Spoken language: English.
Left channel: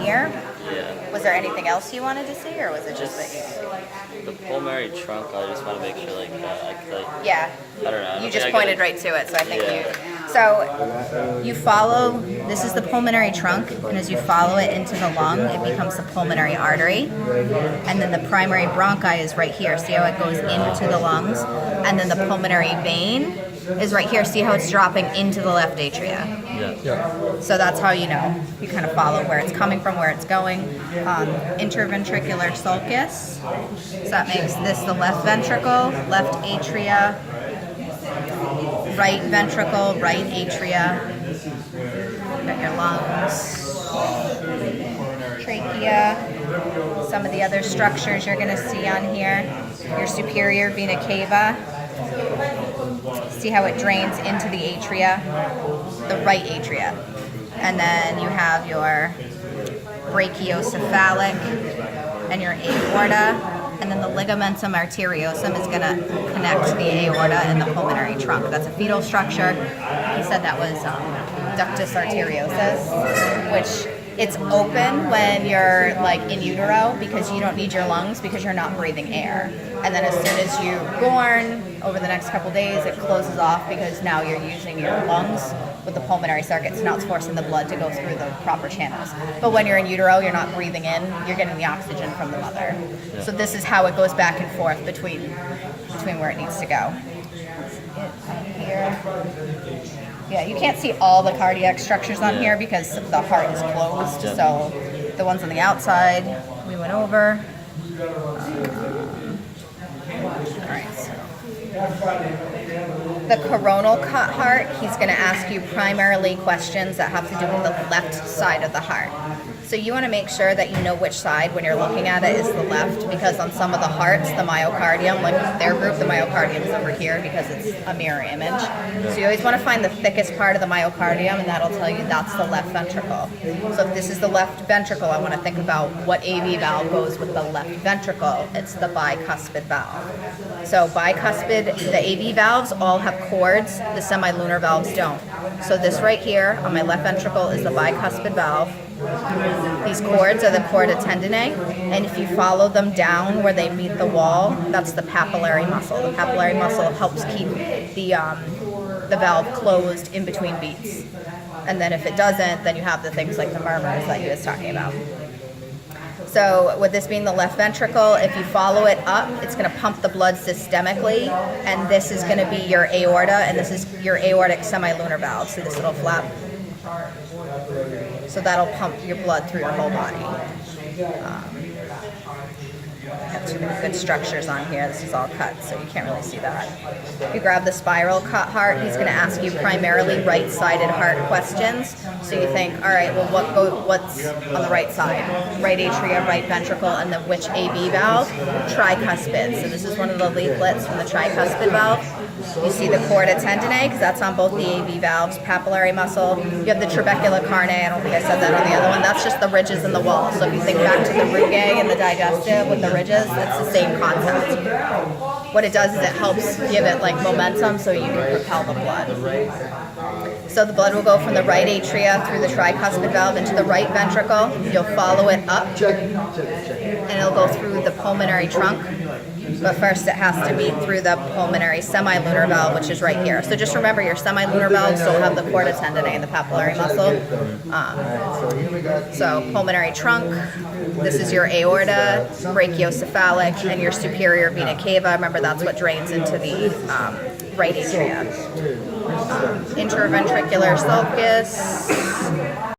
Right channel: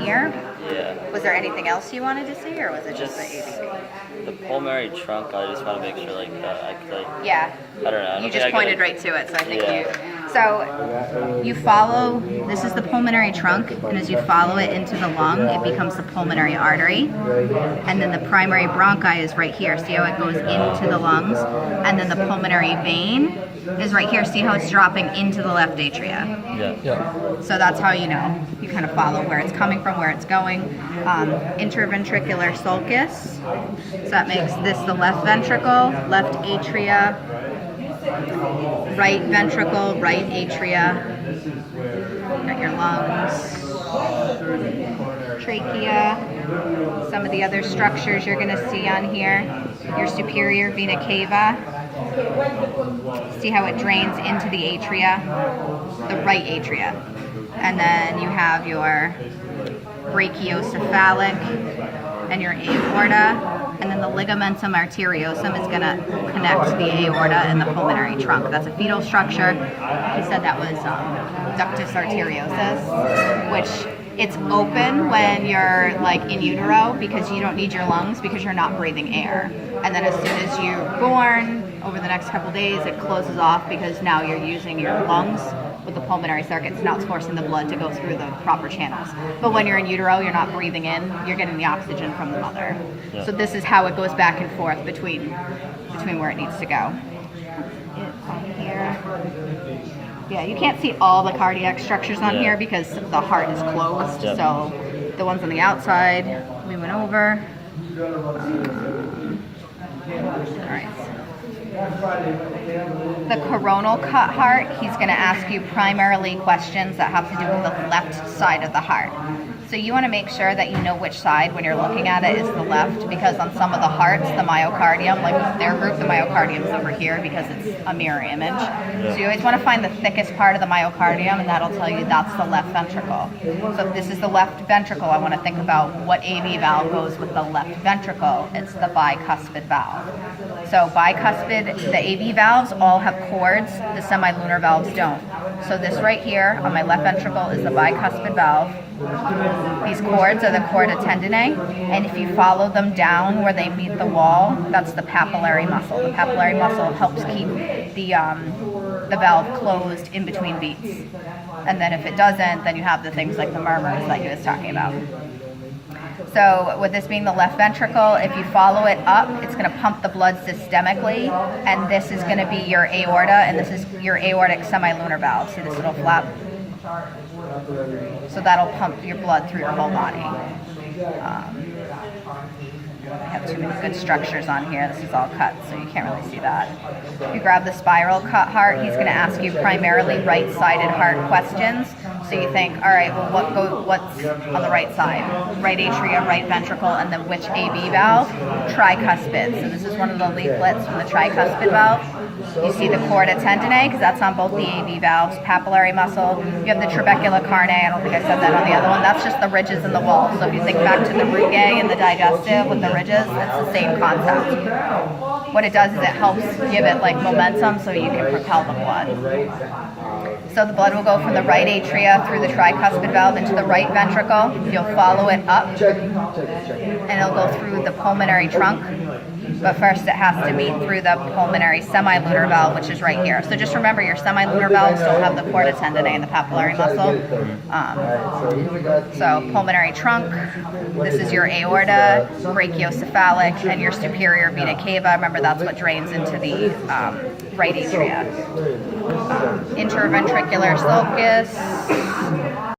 here. Yeah. Was there anything else you wanted to see, or was it just the AV? The pulmonary trunk, I just want to make sure, like, Yeah. I don't know. I don't You think just I pointed could, right to it, so I think Yeah. So you follow, this is the pulmonary trunk, and as you follow it into the lung, it becomes the pulmonary artery. And then the primary bronchi is right here. See how it goes into the lungs? And then the pulmonary vein is right here. See how it's dropping into the left atria? Yeah. So that's how you know. You kind of follow where it's coming from, where it's going. Interventricular sulcus. So that makes this the left ventricle, left atria, right ventricle, right atria. Got your lungs, trachea. Some of the other structures you're going to see on here. Your superior vena cava. See how it drains into the atria, the right atria. And then you have your brachiocephalic and your aorta, and then the ligamentum arteriosum is going to connect to the aorta and the pulmonary trunk. That's a fetal structure. He said that was ductus arteriosus, which it's open when you're like in utero because you don't need your lungs because you're not breathing air. And then as soon as you're born, over the next couple days, it closes off because now you're using your lungs with the pulmonary circuits. Now it's forcing the blood to go through the proper channels. But when you're in utero, you're not breathing in, you're getting the oxygen from the mother. Yeah. So this is how it goes back and forth between where it needs to go. That's it on here. Yeah, you can't see all the cardiac structures on here because the heart is closed. Yeah. So the ones on the outside, we went over. All right. The coronal cut heart, he's going to ask you primarily questions that have to do with the left side of the heart. So you want to make sure that you know which side when you're looking at it is the left, because on some of the hearts, the myocardium, like their group, the myocardium is over here because it's a mirror image. So you always want to find the thickest part of the myocardium, and that'll tell you that's the left ventricle. So if this is the left ventricle, I want to think about what AV valve goes with the left ventricle. It's the bicuspid valve. So bicuspid, the AV valves all have cords, the semilunar valves don't. So this right here on my left ventricle is the bicuspid valve. These cords are the chorda tendineae, and if you follow them down where they meet the wall, that's the papillary muscle. The papillary muscle helps keep the valve closed in between beats. And then if it doesn't, then you have the things like the murmurs that you was talking about. So with this being the left ventricle, if you follow it up, it's going to pump the blood systemically, and this is going to be your aorta, and this is your aortic semilunar valve. So this little flap. So that'll pump your blood through your whole body. I have too many good structures on here. This is all cut, so you can't really see that. If you grab the spiral cut heart, he's going to ask you primarily right-sided heart questions. So you think, all right, well, what's on the right side? Right atrium, right ventricle, and then which AV valve? Tricuspid. So this is one of the leaflets from the tricuspid valve. You see the chorda tendineae, because that's on both the AV valves, papillary muscle. You have the trabecula carneae. I don't think I said that on the other one. That's just the ridges in the wall. So if you think back to the rugae and the digestive with the ridges, it's the same concept. What it does is it helps give it like momentum so you can propel the blood. So the blood will go from the right atria through the tricuspid valve into the right ventricle. You'll follow it up, and it'll go through the pulmonary trunk. But first it has to meet through the pulmonary semilunar valve, which is right here. So just remember your semilunar valves don't have the chorda tendineae and the papillary muscle. So pulmonary trunk, this is your aorta, brachiocephalic, and your superior vena cava. Remember that's what drains into the right atria. Interventricular sulcus.